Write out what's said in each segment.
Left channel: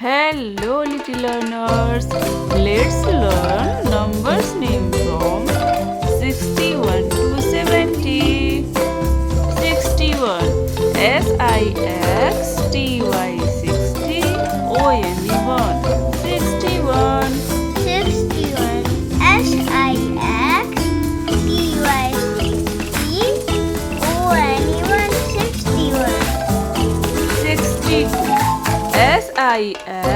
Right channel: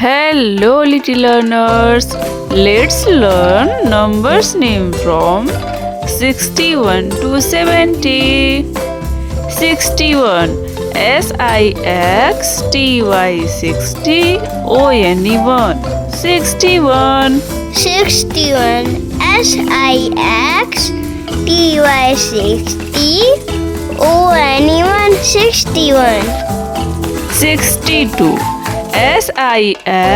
Hello, little learners. Let's learn numbers name from 61 to 70. 61 SIXTY 60 ONE 61. 61 SIXTY 60 ONE 61. 62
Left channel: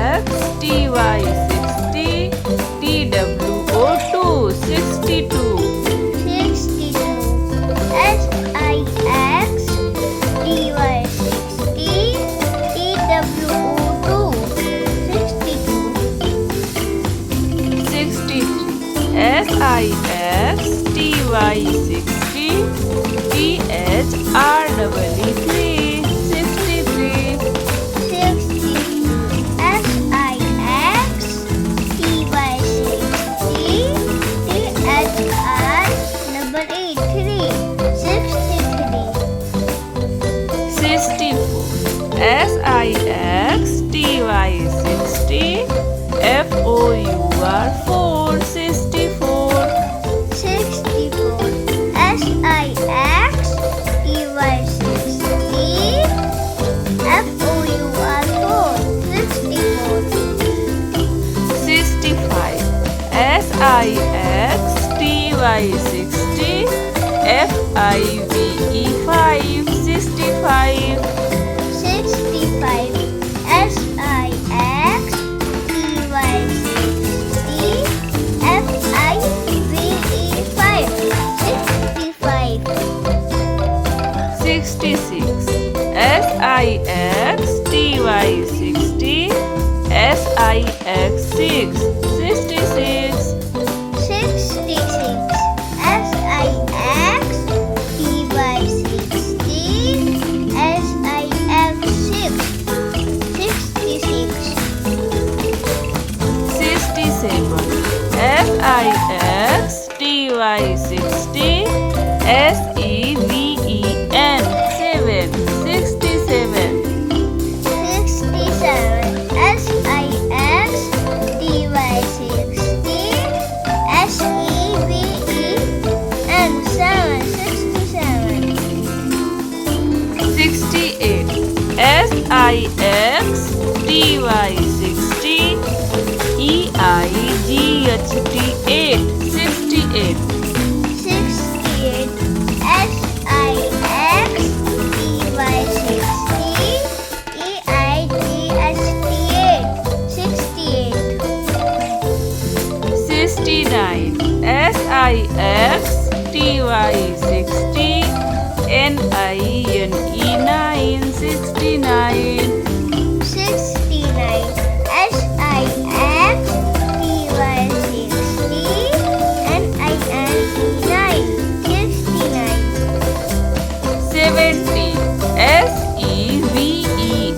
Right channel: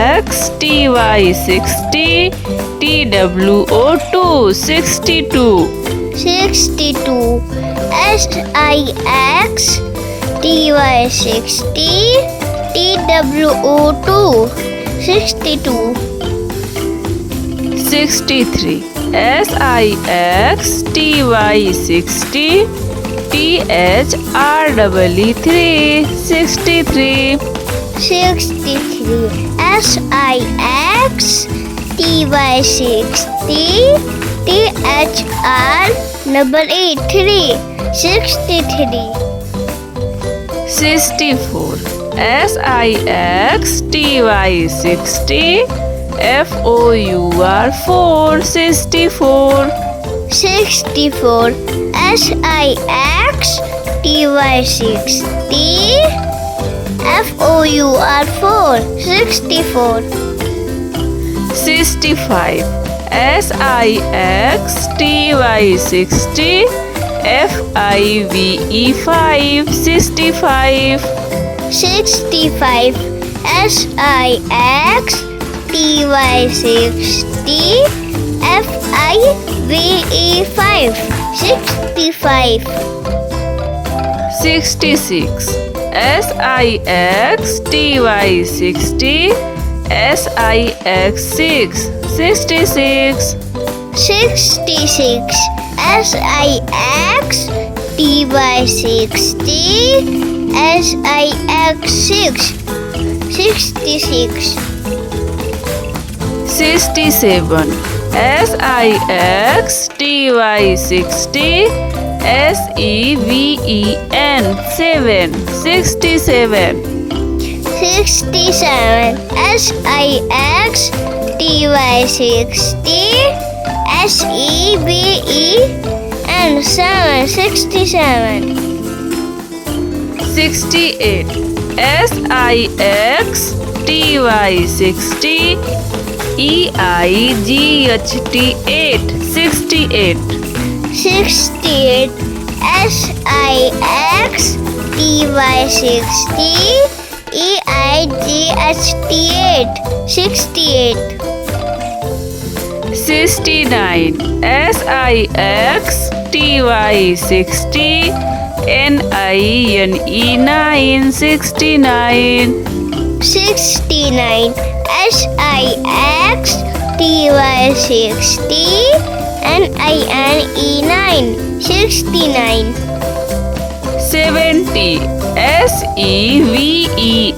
SIXTY 60 TWO 62. 62 SIXTY 60 TWO 62. 63 SIXTY 60 THREE 63. 63 SIXTY 60 THREE 63. 64 SIXTY 60 FOUR 64. 64 SIXTY 60 FOUR 64. 65 SIXTY 60 FIVE 65. 65 SIXTY 60 FIVE 65. 66 SIXTY 60 SIX 66. 66 SIXTY 60 SIX 66. 67 SIXTY 60 SEVEN 67. 67 SIXTY 60 SEVEN 67. 68 SIXTY 60 EIGHT 68. 68 SIXTY 60 EIGHT 68. 69 SIXTY 60 NINE 69. 69 SIXTY 60 NINE 69. 70 SEVENTY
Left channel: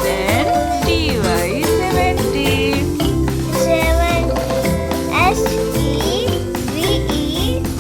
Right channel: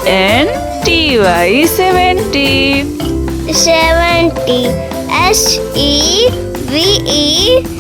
70. 70 SEVENTY